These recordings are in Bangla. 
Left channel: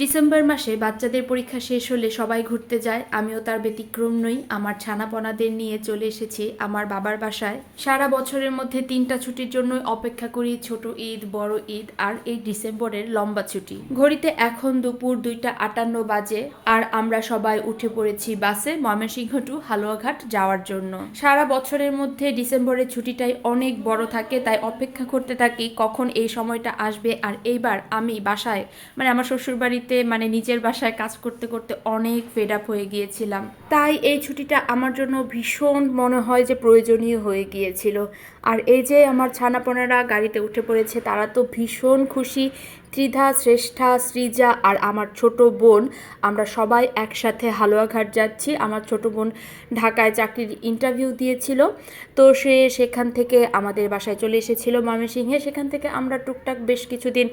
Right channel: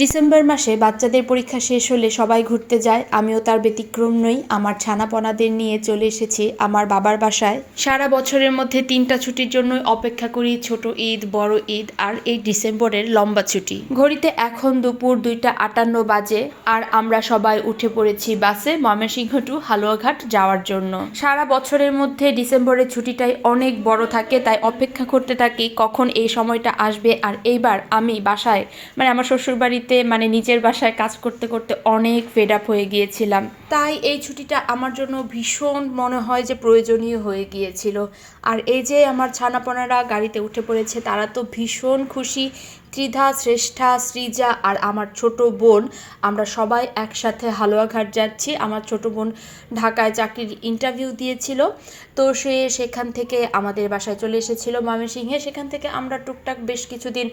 ডিসেম্বর মাসে বাচ্চাদের পরীক্ষা শেষ হলে সবাই ঘুরতে যায়, আমিও তার ব্যতিক্রম নই। আমার ছানাপনাদের নিয়ে চলে এসেছি আমার বাবার বাসায়। সারা বছরের মধ্যে 3টা ছুটির জন্য অপেক্ষা করি, ছোট ঈদ, বড় ঈদ আর এই ডিসেম্বরের লম্বা ছুটি। ঘড়িতে এখন দুপুর 2:58 বাজে আর আমরা সবাই উঠে পড়েছি বাসে ময়মনসিংহ টু হালুয়াঘাট যাওয়ার জন্য। সারা বছরের মধ্যে ডিসেম্বরের ছুটিটাই অনেক বড় থাকে, তাই অপেক্ষা করতে থাকি কখন এই সময়টা আসবে। আর এইবার আমি বাসায় আমার শ্বশুরবাড়ি নিজের বাসায় কাজ করতে করতে অনেক ফেড আপ হয়ে গিয়েছিলাম, তাই এই ছুটিটা আমার জন্য ভীষণ মনে হয় যে প্রয়োজনীয় হয়ে গিয়েছিল। আর এই যে আমার ছানাপনারা গাড়িতে উঠে পড়েছে, তারা তো ভীষণ খুশি। ত্রিধা, শ্রেষ্ঠা, সৃজা আর আমার ছোট বোন, আমরা সবাই একসাথে হালুয়াঘাট যাচ্ছি। আমার ছোট বোন ঢাকায় চাকরির ইন্টারভিউ দিয়েছিল, তো সে সেখান থেকে আমাদের বাসায় চলে এসেছিল ময়মনসিংহে। সেখান থেকে আমরা টুকটাক বেশ কিছুদিন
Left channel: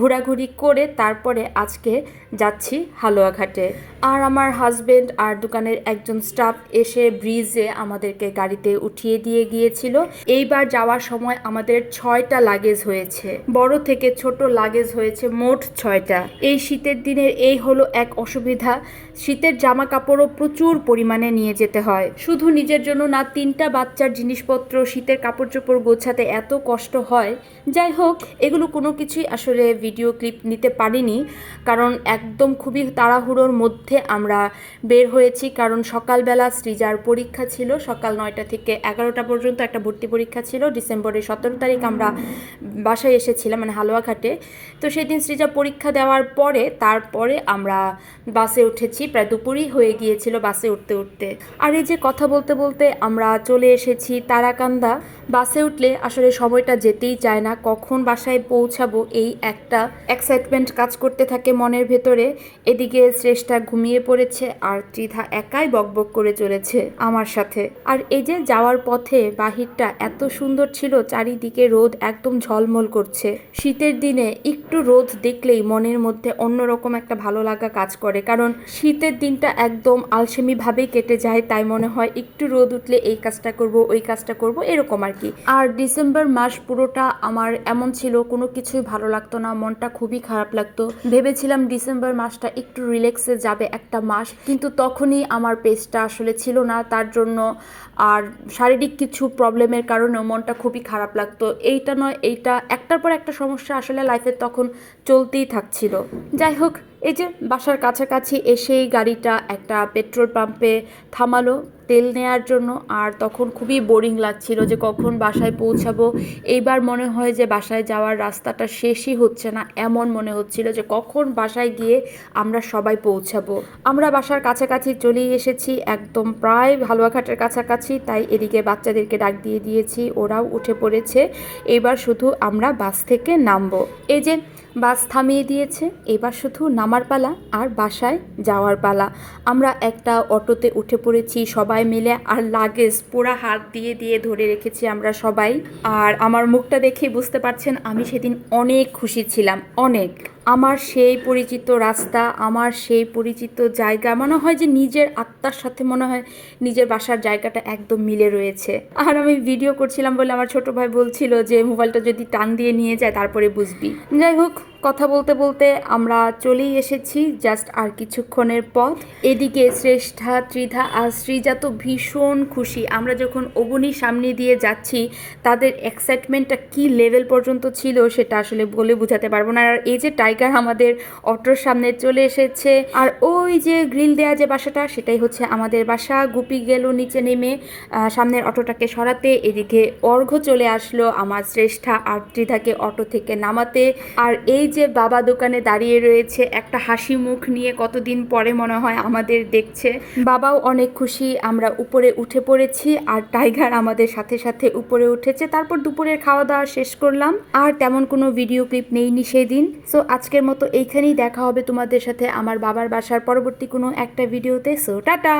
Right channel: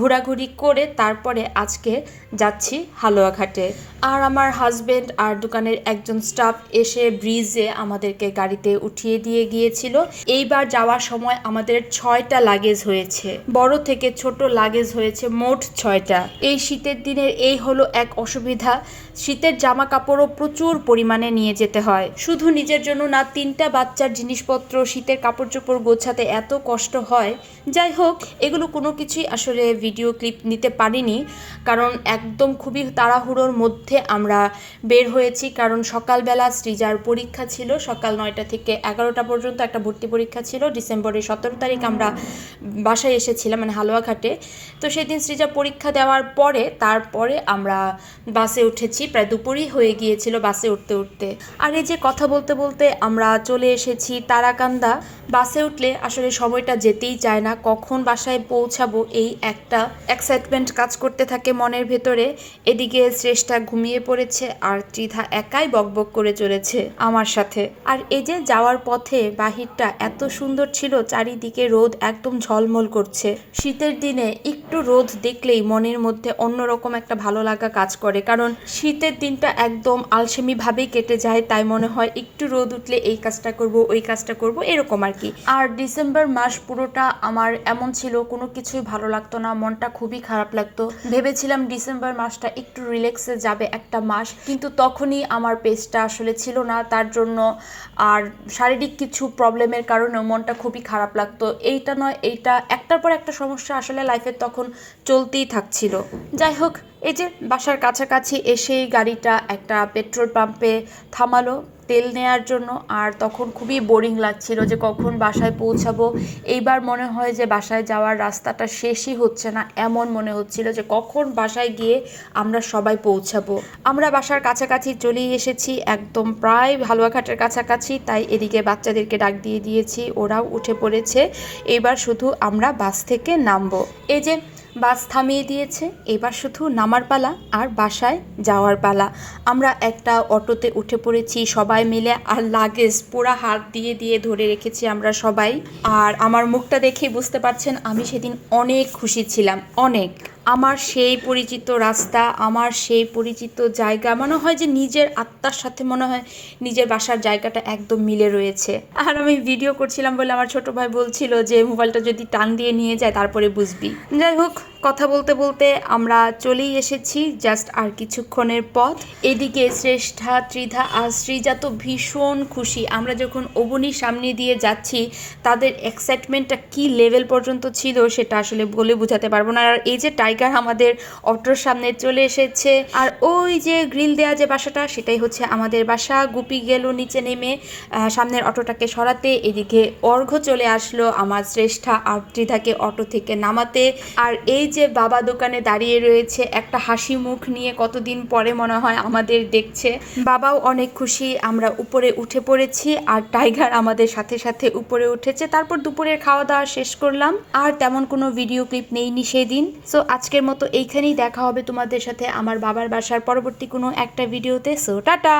ঘোরাঘুরি করে তারপরে আজকে যাচ্ছি হালুয়াঘাটে। আর আমার হাজবেন্ড আর দোকানের একজন স্টাফ এসে ব্রিজে আমাদেরকে গাড়িতে উঠিয়ে দিয়ে গিয়েছিল। এইবার যাওয়ার সময় আমাদের 6টা লাগেজ হয়েছে, বড় থেকে ছোট লাগেজ হয়েছে মোট 6টা। এই শীতের দিনের এই হলো এক অসুবিধা, শীতের জামা কাপড়ও প্রচুর পরিমাণে নিয়ে যেতে হয়। শুধু নিজের জন্য না, 3টা বাচ্চার জিনিসপত্র, শীতের কাপড় চোপড় গোছাতে এত কষ্ট হয়। যাই হোক, এগুলো কোনো কিছুই আসলে ভিডিও ক্লিপ নিতে পারিনি, কারণ একদম খুবই তাড়াহুড়োর মধ্যে আমরা বের হয়েছি। কারণ সকালবেলা সৃজার পরীক্ষা ছিল, সকাল 9টা থেকে 11টা পর্যন্ত একটা ভর্তি পরীক্ষা ছিল। ডিসেম্বরের 17 তারিখ আমরা বাসায় এসেছিলাম, হালুয়াঘাটে। তো সেদিন সৃজা পরীক্ষা দেওয়ার পরে তারপরে আমরা বাসে উঠেছি, প্রায় দুপুরই হয়ে গিয়েছিল বাসে উঠতে উঠতে। আর এই যে কথা বলতে বলতে আমরা চলে এসেছি তারাকান্দা। বাসে উঠলে আসলে সময়টা যেতেই চায় না, কখন বাসায় পৌঁছাবো এই একটা এক্সাইটমেন্ট কাজ করতে থাকে মনের ভেতরে। এদিকে শ্রেষ্ঠা ঘুমিয়ে পড়েছে আর ত্রিধা একাই বকবক করে চলেছে আমার সাথে। আর এই যে যাওয়ার পথে বাহিরটা এত সুন্দর ছিল, চারিদিকে রোদ একদম ঝলমল করছে। শীতের দিনে একটু রোদ দেখলেই মনের মধ্যে অন্যরকম একটা ভালো লাগা কাজ করে, কারণ শীতের দিনটা একদম আলসেমি ভাবেই কেটে যায়। তাই মনে হয় একটু রোদ উঠলে এই কাজটা করব, ওই কাজটা করব, এরকম আর কি। আর ডিসেম্বর মাস পুরোটা আমার এমন ছিল, কোনো কিছুই ভালো লাগতো না, মনটা খুবই খারাপ লাগতো। ভেবেছিলাম ডিসেম্বর মাসটা একটু রিল্যাক্সে যাবে একটা মাস, কিন্তু তখনই আমার পেজটা আসলে ছিল না, তার জন্য আর শারীরিক কিছু প্রবলেমের কারণেও মনটা খুবই খারাপ লাগতো। এইটা নয় এইটা, একটার পর একটা সমস্যা আসলে লাইফে তখন চলতেই থাকছিল। যাই হোক, এই যে বাসার কাছাকাছি এসেই গাড়িটা একটা পেট্রোল পাম্পে থামালো তেল নেয়ার জন্য। আর তখন খুবই বোরিং লাগছিল যে কখন বাসায় পৌঁছাবো। এইবার মনে হয় যে বাসায় যাওয়ার রাস্তাটা শেষই হচ্ছে না, এমন মনে হচ্ছিল যে কখন বাসায় গিয়ে আমরা সবাই পৌঁছাবো। আমরা বাসার কাছাকাছি চলেই এসেছি, একদম প্রায় হালুয়াঘাটের কাছাকাছি। তাই এদিকে বাচ্চাদেরকে ডাক দিয়ে দিয়েছি, ওরাও উঠে পড়েছে। এবার শুধু আমরা বাস থেকে নামবো। এই যে বাস থামিয়ে দিয়েছে, এবার শুধু নামার পালা আর বাসায় যাওয়ার পালা। আমরা একটা অটোতে উঠে পড়েছি সবাই মিলে, আর লাগেজ পুরা হাত দিয়ে দিয়ে ধরে রেখেছি আমরা সবাই। আর আমার মুখটা দেখে বুঝতে পারছেন আমি সেদিন অনেক খুশি ছিলাম, অনেক। আমার সেই পরিচিত রাস্তা, আমার সেই পরিচিত জায়গা, মনে হয় যে নিজের আত্মার সাথে মনে হয় নিজের বাসার জায়গাটা একদম মিলে রয়েছে। আর আমি ভিডিও করছিলাম বলে আমার ছোট ভাই বলছিল যে মোবাইলটা যদি টান দিয়ে নিয়ে যায় তারপরে বুঝবি। যাই হোক, কথা বলতে বলতে আমরা চলেই এসেছি জাস্ট আর কিছুক্ষণের পথ। এদিকে শ্রেষ্ঠা, ত্রিধা আর সৃজা তো ভীষণ খুশি। আমরা যখন অবনীর সামনে দিয়ে যাচ্ছি, তাদের এক্সাইটমেন্টটা কি লেভেল পর্যন্ত ছিল সেটা আসলে বলে বোঝাতে পারবো না। আর এই যে টাইগার আমাদের অটোর সামনে চলে এসেছে, আর ওই যে গ্রিল দেওয়া যে বাসাটা, সেটাই হচ্ছে আমাদের বাসা। গুপি গেল নিচে নেমে সামনের অটোটাকে সরাতে, এদিকে অর্ঘ্য চলে আসলো আমার শ্রেষ্ঠা আর ত্রিধাকে অটো থেকে নামাতে। আর এই যে বাবা দোকানে দাঁড়িয়ে রয়েছে একটা হাসি মুখ নিয়ে, কতদিন পরে মনে হয় আমাদের দেখছে। বাবাও অনেক খুশি। আমরা উপরে উঠে পড়েছি আর টাইগার আমাদের সাথে সাথে উপরে উঠেছে। তারপর দুপুরের খাওয়া দাওয়া শেষ করলাম, আর তেমন কোনো ভিডিও ক্লিপ নেইনি সেদিন। সো আজকের মতো এইখানেই দেখা হবে তোমাদের সাথে আমার বাবার বাসার পরবর্তী কোনো একটা ভিডিওতে। So tata.